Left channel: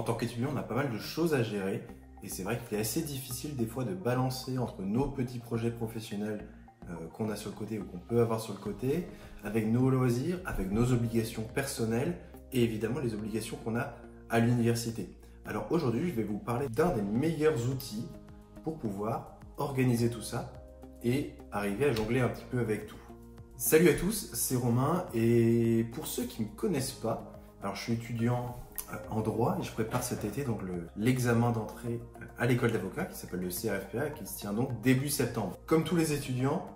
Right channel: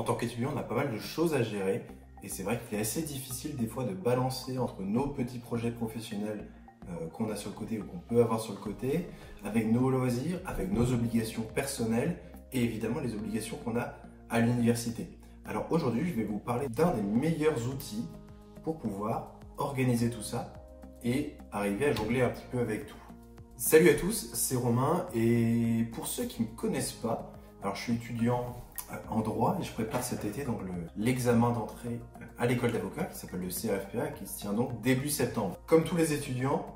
En tant qu'étudiant, on a pas mal de choses à gérer et c'est vrai qu'il est assez difficile des fois de balancer entre nos petits projets professionnels qu'on a sur le côté ou qu'on peut avoir sur le côté, avec nos loisirs, avec nos obligations personnelles et évidemment les obligations qu'on a à l'université. Alors aujourd'hui, je vais vous parler d'un des meilleurs outils pour pouvoir organiser tout ça et arriver à jongler un petit peu avec tout. Salut à tous, c'est Romain et pour ceux qui ne me connaissent pas, alors je suis étudiant en droit et je prépare cet été donc l'examen d'entrée à l'école d'avocat qui s'appelle le CRFPA qui se tient donc début septembre. Comme tous les étudiants,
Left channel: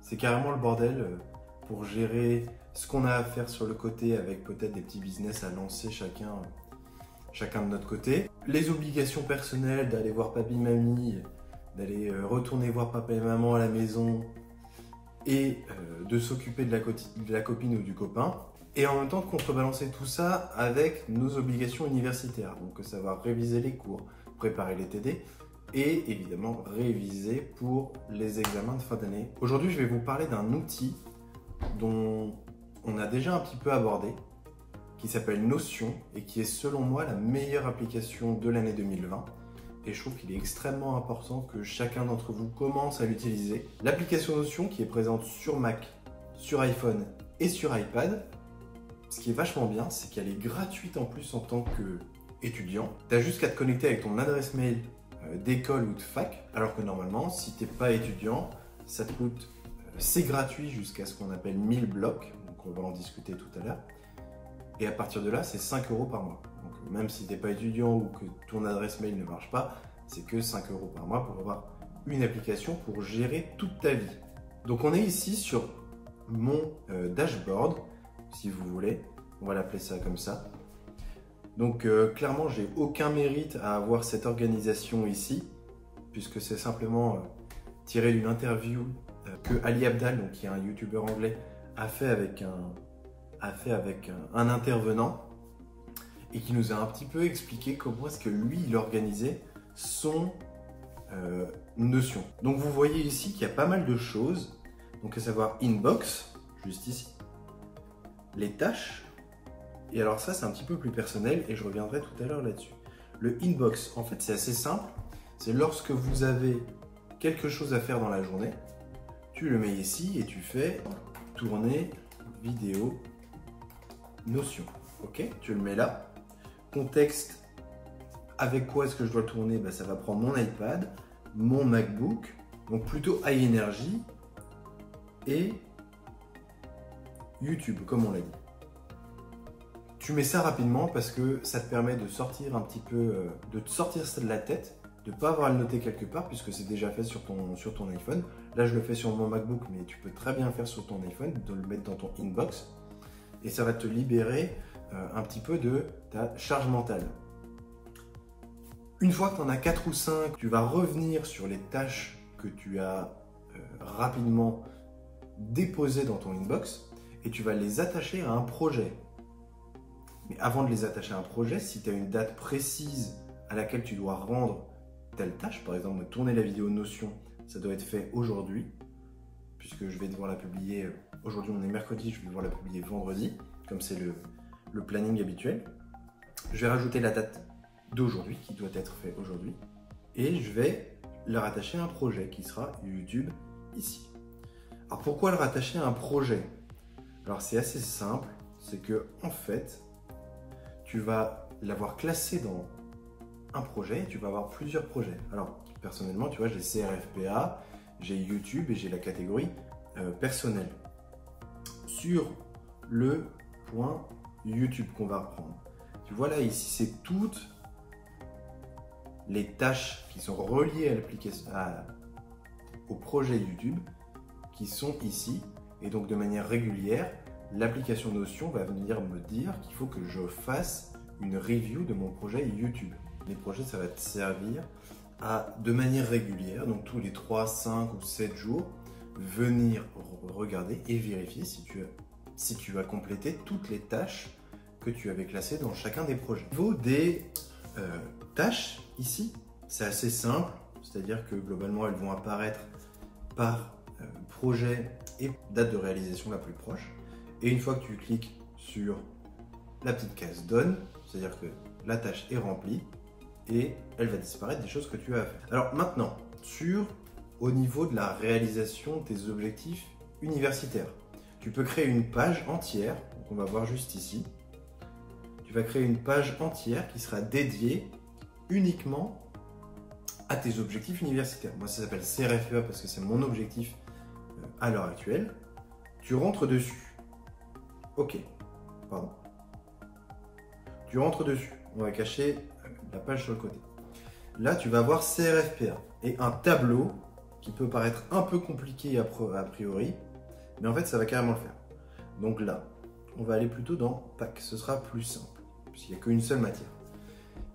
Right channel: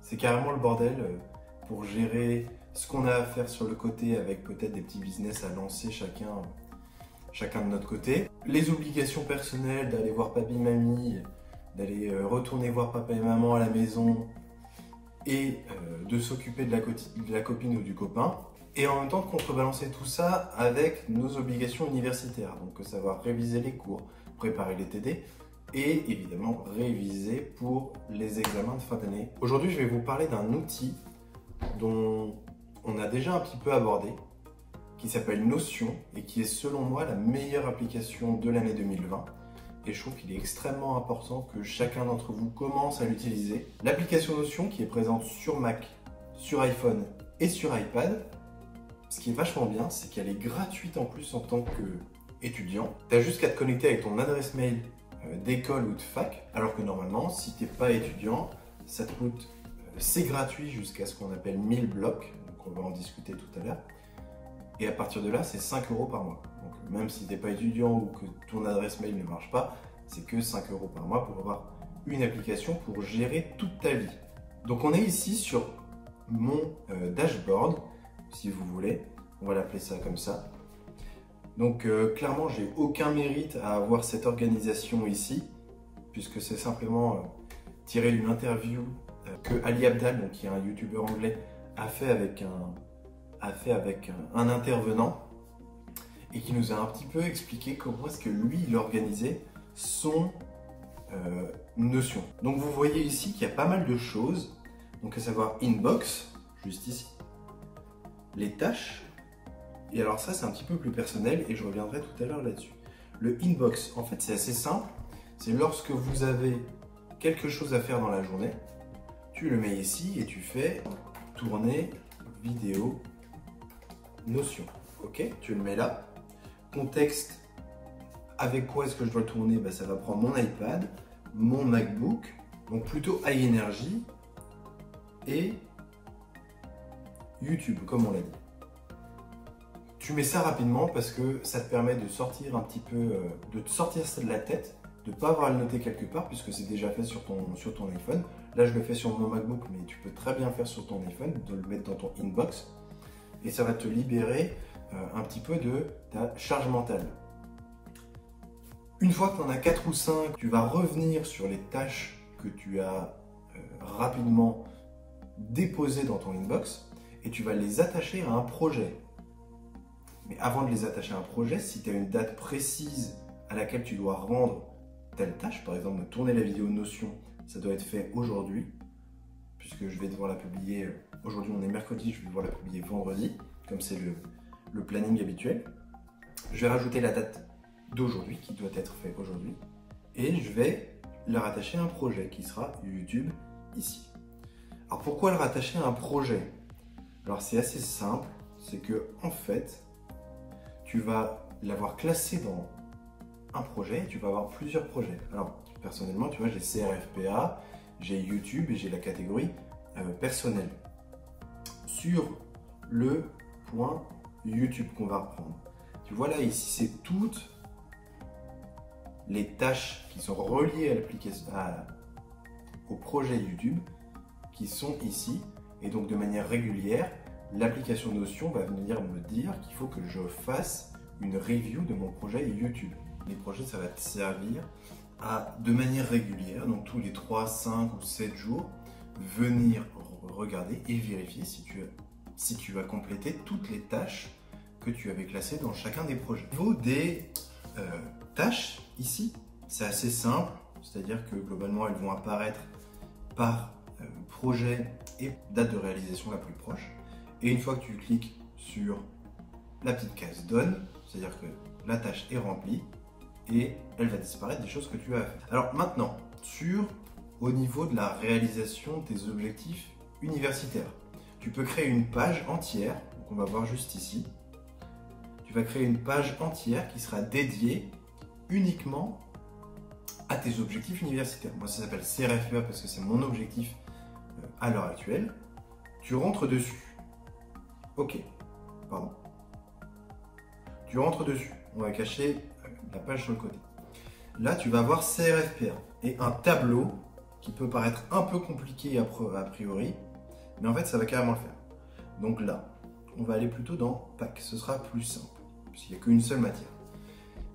c'est carrément le bordel pour gérer ce qu'on a à faire sur le côté avec peut-être des petits business à lancer chacun de notre côté. Les obligations personnelles d'aller voir papy, mamie, d'aller retourner voir papa et maman à la maison et de s'occuper de la copine ou du copain. Et en même temps de contrebalancer tout ça avec nos obligations universitaires. Donc savoir réviser les cours, préparer les TD et évidemment réviser pour les examens de fin d'année. Aujourd'hui, je vais vous parler d'un outil dont on a déjà un petit peu abordé, qui s'appelle Notion et qui est selon moi la meilleure application de l'année 2020. Et je trouve qu'il est extrêmement important que chacun d'entre vous commence à l'utiliser. L'application Notion qui est présente sur Mac, sur iPhone et sur iPad. Ce qui est vachement bien, c'est qu'elle est gratuite en plus en tant qu'étudiant. Tu n'as juste qu'à te connecter avec ton adresse mail d'école ou de fac, alors que normalement, si tu n'es pas étudiant, ça te coûte, c'est gratuit jusqu'à ce qu'on appelle 1000 blocs, donc on va en discuter tout à l'heure. Et à partir de là, c'est 5 € par mois. Donc même si tu n'es pas étudiant ou que ton adresse mail ne marche pas, c'est que 5 € par mois pour avoir une application pour gérer toute ta vie. Donc on est ici sur mon dashboard, si vous voulez, on va l'appeler ça comme ça. Donc clairement, j'ai aucun mérite à avoir cette organisation ici, puisque c'est simplement tiré d'une interview que Ali Abdaal, donc qui est un youtubeur anglais, a fait avec un intervenant et qui nous a un petit peu expliqué comment est-ce que lui, il organisait son Notion. Donc vous voyez ici qu'il y a pas mal de choses, donc à savoir Inbox, juste ici, les tâches, et alors ça c'est un petit peu plus personnel et je reviendrai tout à l'heure là-dessus. Le Inbox, en fait c'est assez simple, c'est lorsque vous avez quelque chose à faire dans la journée, tu le mets ici et tu fais tourner vidéo Notion, ok, tu le mets là. Contexte, avec quoi est-ce que je dois tourner? Ben, ça va prendre mon iPad, mon MacBook, donc plutôt high energy, et YouTube, comme on l'a dit. Tu mets ça rapidement parce que ça te permet de sortir un petit peu, de te sortir ça de la tête, de ne pas avoir à le noter quelque part puisque c'est déjà fait sur ton iPhone. Là, je le fais sur mon MacBook, mais tu peux très bien faire sur ton iPhone, de le mettre dans ton Inbox. Et ça va te libérer un petit peu de ta charge mentale. Une fois que tu en as 4 ou 5, tu vas revenir sur les tâches que tu as rapidement déposées dans ton Inbox et tu vas les attacher à un projet. Mais avant de les attacher à un projet, si tu as une date précise à laquelle tu dois rendre telle tâche, par exemple de tourner la vidéo Notion, ça doit être fait aujourd'hui, puisque je vais devoir la publier, aujourd'hui on est mercredi, je vais devoir la publier vendredi, comme c'est le planning habituel. Je vais rajouter la date d'aujourd'hui, qui doit être fait aujourd'hui, et je vais le rattacher à un projet qui sera YouTube ici. Alors pourquoi le rattacher à un projet? Alors c'est assez simple, c'est que en fait, tu vas l'avoir classé dans un projet, tu vas avoir plusieurs projets. Alors personnellement, tu vois, j'ai CRFPA, j'ai YouTube et j'ai la catégorie personnelle. Sur le point YouTube qu'on va reprendre. Tu vois là, ici, c'est toutes les tâches qui sont reliées à l'application, au projet YouTube qui sont ici. Et donc de manière régulière, l'application Notion va venir me dire qu'il faut que je fasse une review de mon projet YouTube. Les projets, ça va te servir à, de manière régulière, donc tous les 3, 5 ou 7 jours, venir regarder et vérifier si tu as complété toutes les tâches que tu avais classées dans chacun des projets. Au niveau des tâches, ici, c'est assez simple, c'est-à-dire que globalement, elles vont apparaître par projet et date de réalisation la plus proche. Et une fois que tu cliques sur la petite case Done, c'est-à-dire que la tâche est remplie et elle va disparaître des choses que tu as fait. Alors maintenant, au niveau de la réalisation de tes objectifs universitaires, tu peux créer une page entière, qu'on va voir juste ici. Tu vas créer une page entière qui sera dédiée uniquement à tes objectifs universitaires. Moi, ça s'appelle CRFEA parce que c'est mon objectif à l'heure actuelle. Tu rentres dessus. Ok, pardon. Tu rentres dessus. On va cacher la page sur le côté. Là, tu vas avoir CRFPA et un tableau qui peut paraître un peu compliqué a priori, mais en fait, ça va carrément le faire. Donc là, on va aller plutôt dans PAC. Ce sera plus simple, puisqu'il n'y a qu'une seule matière.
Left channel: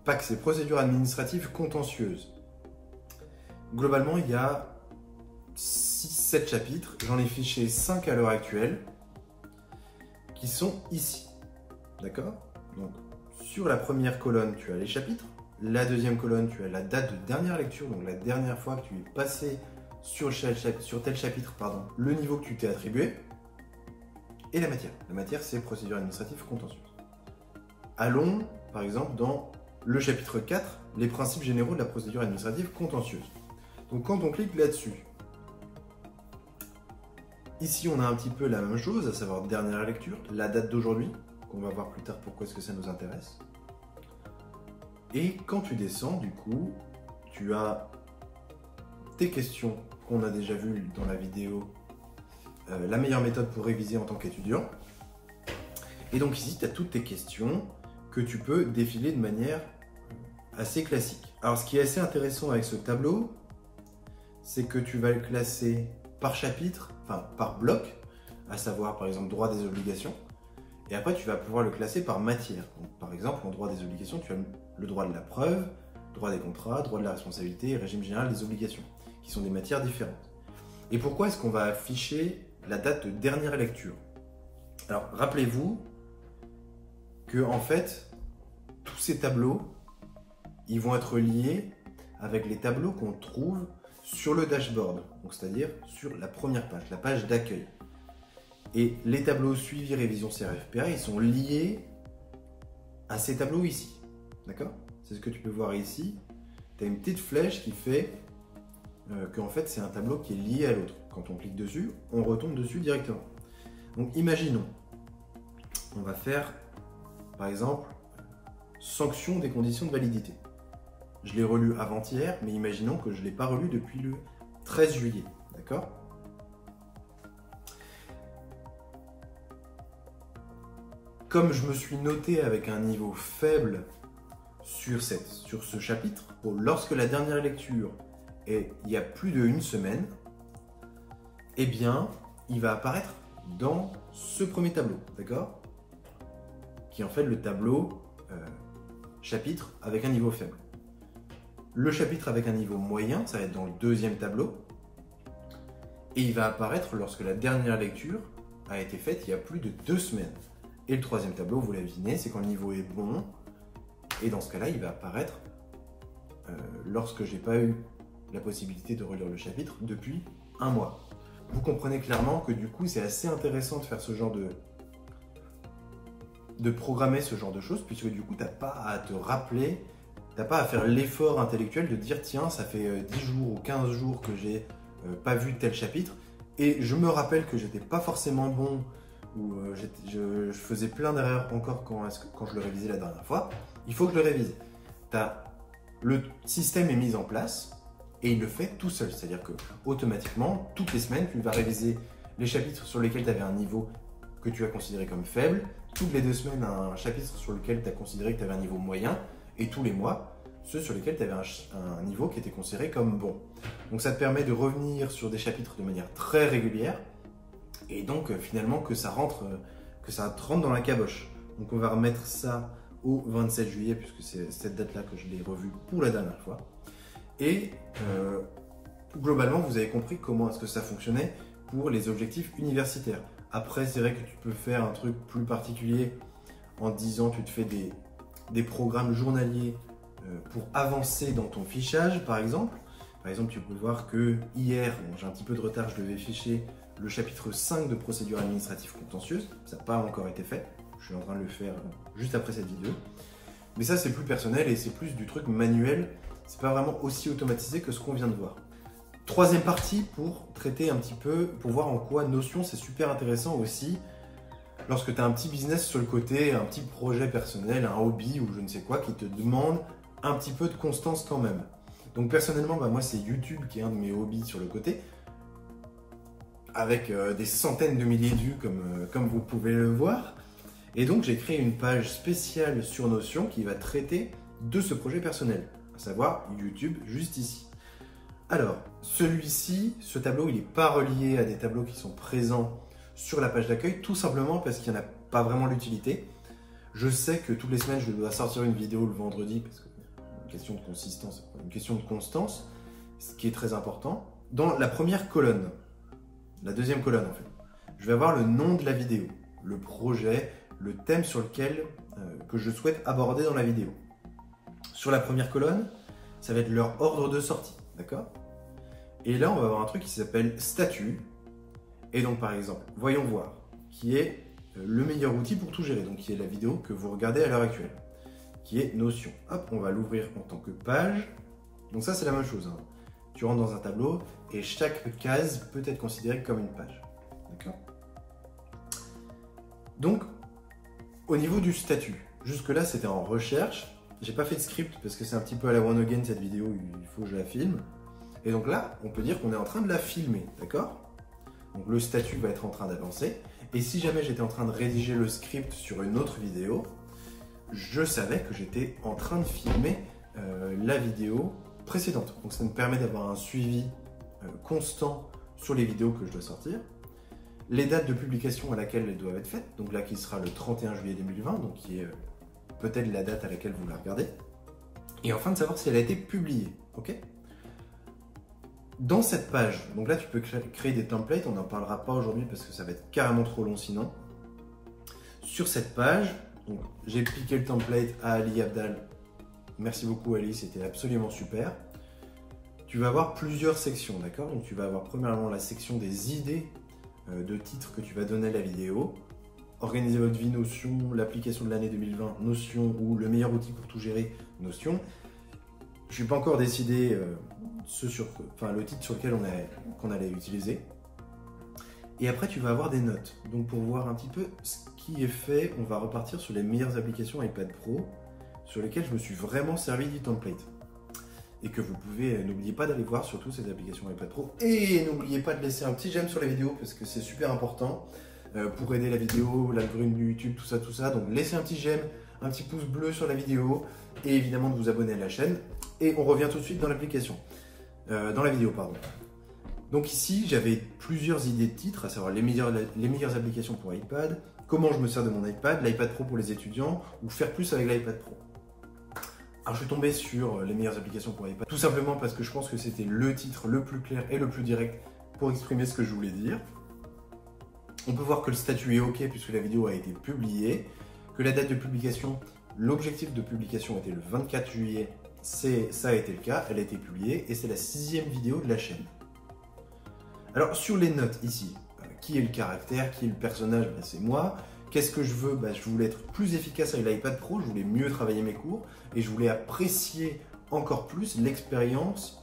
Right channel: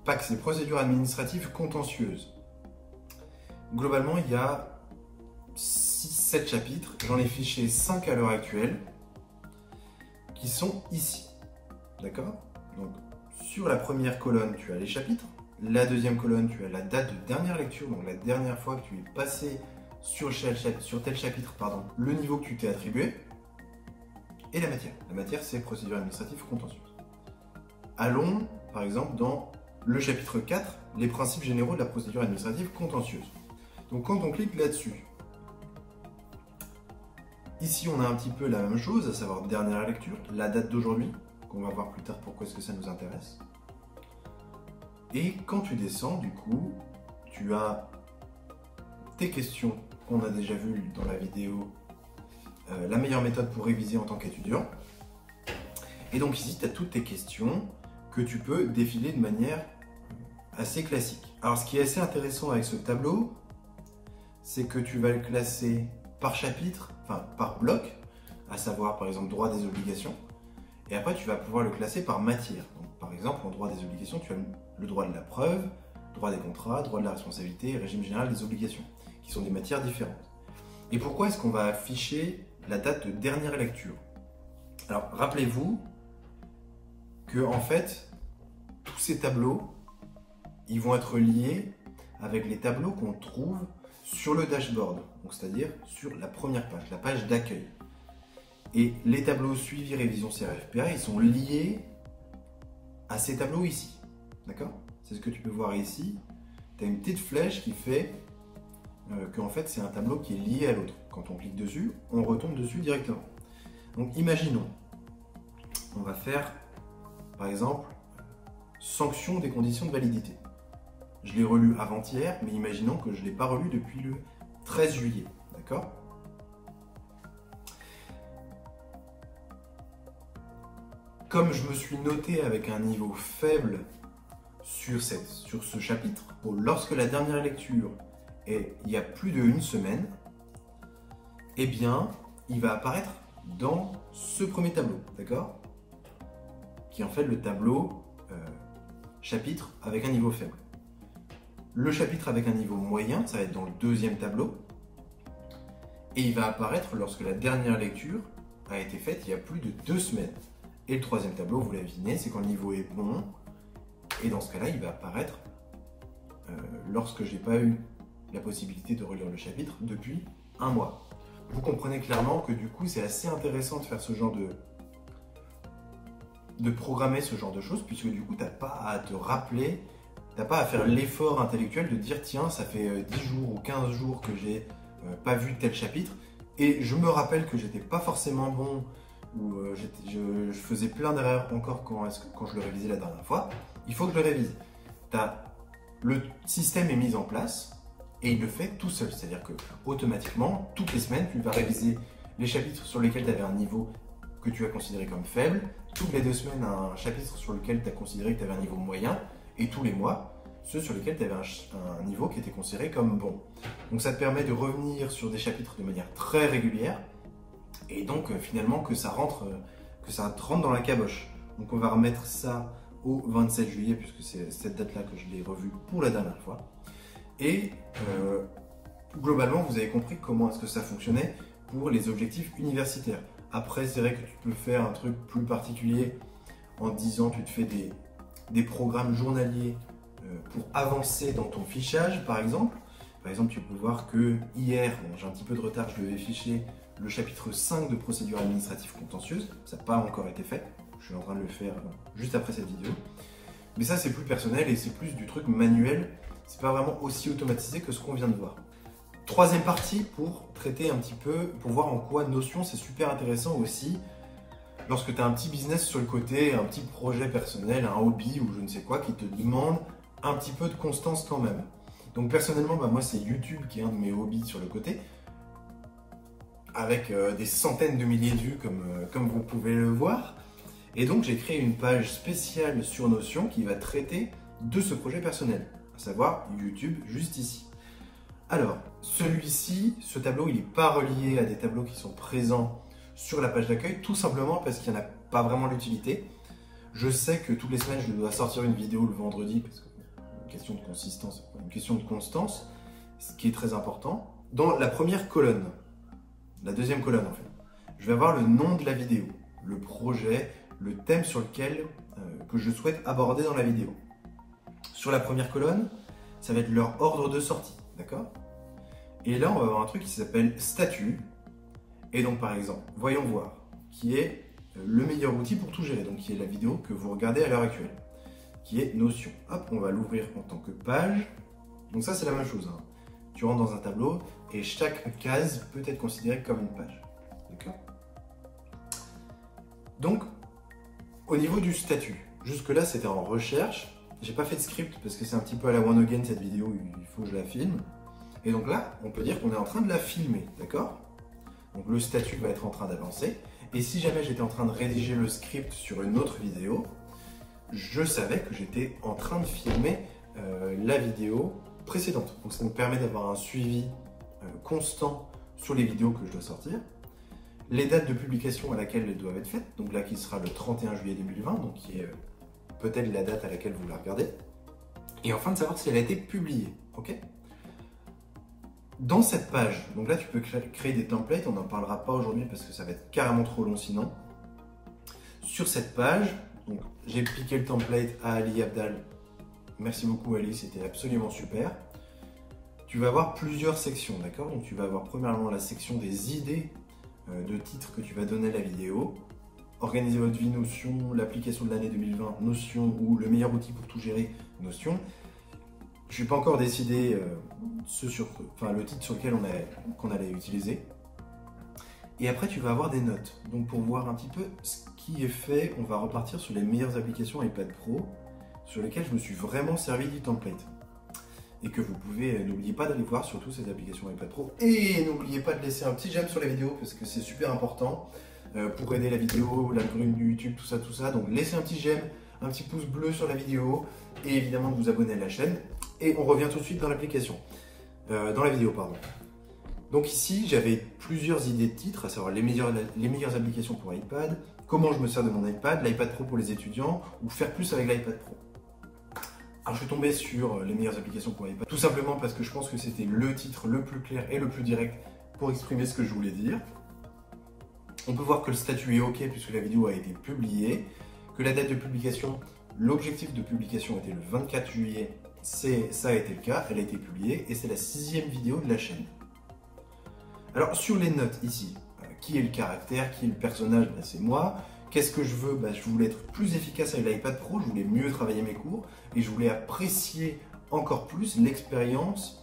PAC, c'est procédure administrative contentieuse. Globalement, il y a 6-7 chapitres. J'en ai fiché 5 à l'heure actuelle, qui sont ici. D'accord? Donc, sur la première colonne, tu as les chapitres. La deuxième colonne, tu as la date de dernière lecture, donc la dernière fois que tu es passé sur tel chapitre, le niveau que tu t'es attribué. Et la matière. La matière, c'est procédure administrative contentieuse. Allons, par exemple, dans le chapitre 4, les principes généraux de la procédure administrative contentieuse. Donc quand on clique là-dessus, ici on a un petit peu la même chose, à savoir dernière lecture, la date d'aujourd'hui, qu'on va voir plus tard pourquoi est-ce que ça nous intéresse. Et quand tu descends, du coup, tu as tes questions qu'on a déjà vues dans la vidéo, la meilleure méthode pour réviser en tant qu'étudiant. Et donc ici, tu as toutes tes questions que tu peux défiler de manière assez classique. Alors ce qui est assez intéressant avec ce tableau, c'est que tu vas le classer par chapitre, enfin par bloc, à savoir par exemple droit des obligations, et après tu vas pouvoir le classer par matière. Donc, par exemple, en droit des obligations, tu as le droit de la preuve, droit des contrats, droit de la responsabilité et régime général des obligations, qui sont des matières différentes. Et pourquoi est-ce qu'on va afficher la date de dernière lecture? Alors rappelez-vous que en fait, tous ces tableaux, ils vont être liés avec les tableaux qu'on trouve sur le dashboard, donc c'est-à-dire sur la première page, la page d'accueil. Et les tableaux suivi révision CRFPA, ils sont liés à ces tableaux ici. D'accord? C'est ce que tu peux voir ici. Tu as une petite flèche qui fait qu'en fait c'est un tableau qui est lié à l'autre. Quand on clique dessus, on retombe dessus directement. Donc imaginons, on va faire par exemple sanction des conditions de validité. Je l'ai relu avant-hier, mais imaginons que je ne l'ai pas relu depuis le 13 juillet. D'accord? Comme je me suis noté avec un niveau faible sur ce chapitre, lorsque la dernière lecture est il y a plus d'une semaine, eh bien, il va apparaître dans ce premier tableau, d'accord? Qui est en fait le tableau chapitre avec un niveau faible. Le chapitre avec un niveau moyen, ça va être dans le deuxième tableau, et il va apparaître lorsque la dernière lecture a été faite il y a plus de 2 semaines. Et le troisième tableau, vous l'avez deviné, c'est quand le niveau est bon, et dans ce cas-là, il va apparaître lorsque je n'ai pas eu la possibilité de relire le chapitre depuis 1 mois. Vous comprenez clairement que du coup, c'est assez intéressant de faire ce genre de programmer ce genre de choses, puisque du coup, tu n'as pas à te rappeler, tu n'as pas à faire l'effort intellectuel de dire tiens, ça fait 10 jours ou 15 jours que j'ai pas vu tel chapitre, et je me rappelle que j'étais pas forcément bon, ou je faisais plein d'erreurs encore quand je le révisais la dernière fois. Il faut que je le révise. Le système est mis en place et il le fait tout seul, c'est-à-dire que automatiquement, toutes les semaines, tu vas réviser les chapitres sur lesquels tu avais un niveau que tu as considéré comme faible, toutes les 2 semaines un chapitre sur lequel tu as considéré que tu avais un niveau moyen, et tous les mois ceux sur lesquels tu avais un niveau qui était considéré comme bon. Donc ça te permet de revenir sur des chapitres de manière très régulière, et donc finalement que ça rentre dans la caboche. Donc on va remettre ça au 27 juillet, puisque c'est cette date-là que je l'ai revue pour la dernière fois. Et globalement, vous avez compris comment est-ce que ça fonctionnait pour les objectifs universitaires. Après, c'est vrai que tu peux faire un truc plus particulier en disant tu te fais des programmes journaliers pour avancer dans ton fichage, par exemple. Par exemple, tu peux voir que hier, j'ai un petit peu de retard, je devais ficher le chapitre 5 de procédure administrative contentieuse. Ça n'a pas encore été fait. Je suis en train de le faire juste après cette vidéo. Mais ça, c'est plus personnel et c'est plus du truc manuel. C'est pas vraiment aussi automatisé que ce qu'on vient de voir. Troisième partie pour traiter un petit peu, pour voir en quoi Notion c'est super intéressant aussi lorsque tu as un petit business sur le côté, un petit projet personnel, un hobby ou je ne sais quoi qui te demande un petit peu de constance quand même. Donc personnellement, moi c'est YouTube qui est un de mes hobbies sur le côté, avec des centaines de milliers de vues comme vous pouvez le voir. Et donc j'ai créé une page spéciale sur Notion qui va traiter de ce projet personnel, à savoir YouTube juste ici. Alors, celui-ci, ce tableau, il n'est pas relié à des tableaux qui sont présents sur la page d'accueil, tout simplement parce qu'il n'y en a pas vraiment l'utilité. Je sais que toutes les semaines, je dois sortir une vidéo le vendredi, parce que c'est une question de consistance, une question de constance, ce qui est très important. Dans la première colonne, la deuxième colonne en fait, je vais avoir le nom de la vidéo, le projet, le thème sur lequel que je souhaite aborder dans la vidéo. Sur la première colonne, ça va être leur ordre de sortie, d'accord? Et là, on va avoir un truc qui s'appelle statut. Et donc, par exemple, voyons voir, qui est le meilleur outil pour tout gérer, donc qui est la vidéo que vous regardez à l'heure actuelle, qui est Notion. Hop, on va l'ouvrir en tant que page. Donc ça, c'est la même chose, hein. Tu rentres dans un tableau et chaque case peut être considérée comme une page. D'accord? Donc, au niveau du statut, jusque-là, c'était en recherche. J'ai pas fait de script parce que c'est un petit peu à la one again cette vidéo, il faut que je la filme. Et donc là, on peut dire qu'on est en train de la filmer, d'accord? Donc le statut va être en train d'avancer. Et si jamais j'étais en train de rédiger le script sur une autre vidéo, je savais que j'étais en train de filmer la vidéo précédente. Donc ça nous permet d'avoir un suivi constant sur les vidéos que je dois sortir. Les dates de publication à laquelle elles doivent être faites, donc là qui sera le 31 juillet 2020, donc qui est peut-être la date à laquelle vous la regardez. Et enfin de savoir si elle a été publiée, ok? Dans cette page, donc là tu peux créer des templates, on n'en parlera pas aujourd'hui parce que ça va être carrément trop long sinon. Sur cette page, j'ai piqué le template à Ali Abdal. Merci beaucoup Ali, c'était absolument super. Tu vas avoir plusieurs sections, d'accord? Donc tu vas avoir premièrement la section des idées de titres que tu vas donner à la vidéo. Organiser votre vie Notion, l'application de l'année 2020 Notion ou le meilleur outil pour tout gérer Notion. Je n'ai pas encore décidé le titre sur lequel qu'on allait utiliser. Et après, tu vas avoir des notes. Donc, pour voir un petit peu ce qui est fait, on va repartir sur les meilleures applications iPad Pro sur lesquelles je me suis vraiment servi du template. Et que vous pouvez, n'oubliez pas d'aller voir surtout ces applications iPad Pro. Et n'oubliez pas de laisser un petit j'aime sur la vidéo parce que c'est super important pour aider la vidéo, l'algorithme du YouTube, tout ça. Donc, laissez un petit j'aime, un petit pouce bleu sur la vidéo et évidemment de vous abonner à la chaîne. Et on revient tout de suite dans l'application, dans la vidéo, pardon. Donc ici, j'avais plusieurs idées de titres, à savoir les meilleures applications pour iPad, comment je me sers de mon iPad, l'iPad Pro pour les étudiants, ou faire plus avec l'iPad Pro. Alors je suis tombé sur les meilleures applications pour iPad, tout simplement parce que je pense que c'était le titre le plus clair et le plus direct pour exprimer ce que je voulais dire. On peut voir que le statut est OK puisque la vidéo a été publiée, que la date de publication, l'objectif de publication était le 24 juillet. Ça a été le cas, elle a été publiée et c'est la 6e vidéo de la chaîne. Alors sur les notes ici, qui est le caractère, qui est le personnage, c'est moi. Qu'est-ce que je veux? Je voulais être plus efficace avec l'iPad Pro, je voulais mieux travailler mes cours et je voulais apprécier encore plus l'expérience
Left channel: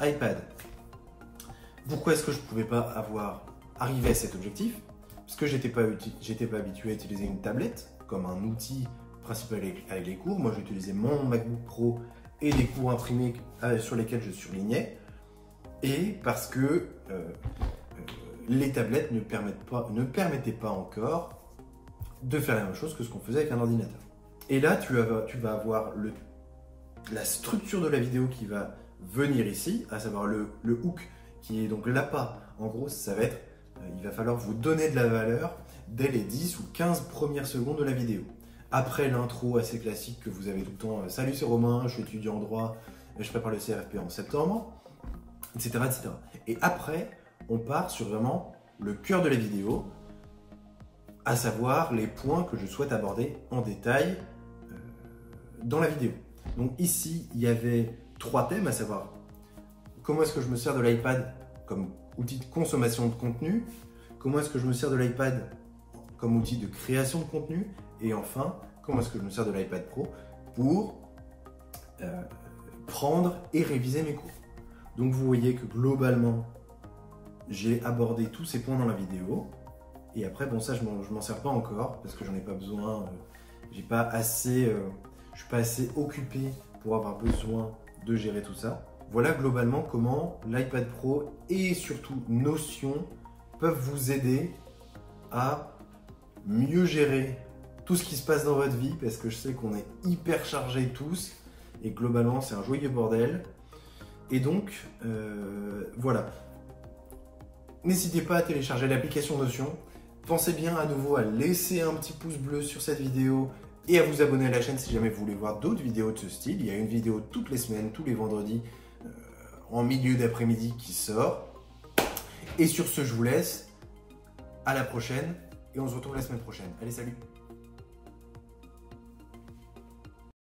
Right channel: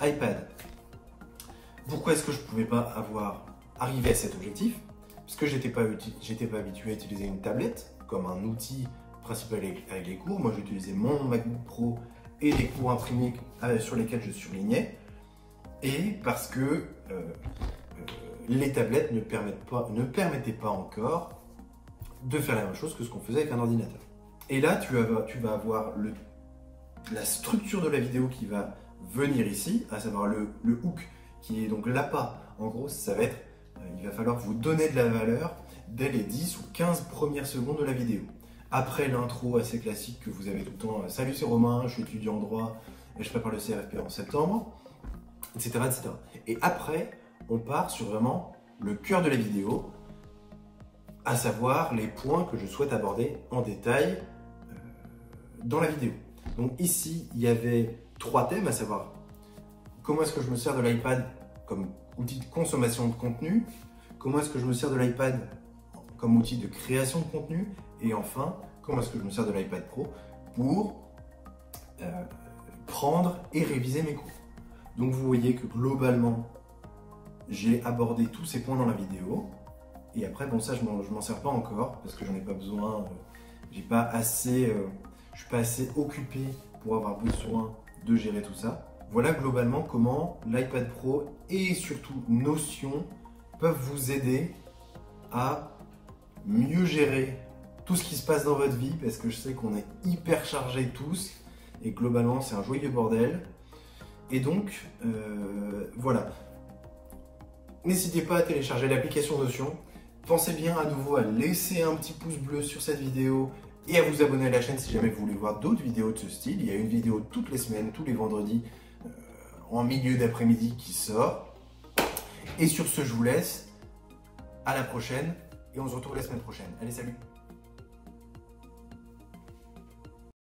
iPad. Pourquoi est-ce que je ne pouvais pas arriver à cet objectif? Parce que j'étais pas habitué à utiliser une tablette comme un outil principal avec les cours. Moi, j'utilisais mon MacBook Pro et les cours imprimés sur lesquels je surlignais. Et parce que les tablettes ne permettaient pas encore de faire la même chose que ce qu'on faisait avec un ordinateur. Et là, tu vas avoir la structure de la vidéo qui va venir ici, à savoir le hook, qui est donc l'appât. En gros, ça va être, il va falloir vous donner de la valeur dès les 10 ou 15 premières secondes de la vidéo. Après l'intro assez classique que vous avez tout le temps, salut c'est Romain, je suis étudiant en droit, et je prépare le CFP en septembre, etc., etc. Et après, on part sur vraiment le cœur de la vidéo, à savoir les points que je souhaite aborder en détail dans la vidéo. Donc ici, il y avait 3 thèmes, à savoir comment est-ce que je me sers de l'iPad comme outil de consommation de contenu, comment est-ce que je me sers de l'iPad comme outil de création de contenu, et enfin, comment est-ce que je me sers de l'iPad Pro pour prendre et réviser mes cours. Donc vous voyez que globalement, j'ai abordé tous ces points dans la vidéo. Et après, bon ça je m'en sers pas encore parce que j'en ai pas besoin. Je suis pas assez occupé pour avoir besoin de gérer tout ça. Voilà globalement comment l'iPad Pro et surtout Notion peuvent vous aider à mieux gérer tout ce qui se passe dans votre vie, parce que je sais qu'on est hyper chargés tous et globalement c'est un joyeux bordel. Et donc voilà, n'hésitez pas à télécharger l'application Notion. Pensez bien à nouveau à laisser un petit pouce bleu sur cette vidéo et à vous abonner à la chaîne si jamais vous voulez voir d'autres vidéos de ce style. Il y a une vidéo toutes les semaines, tous les vendredis en milieu d'après-midi qui sort. Et sur ce, je vous laisse. À la prochaine et on se retrouve la semaine prochaine. Allez, salut!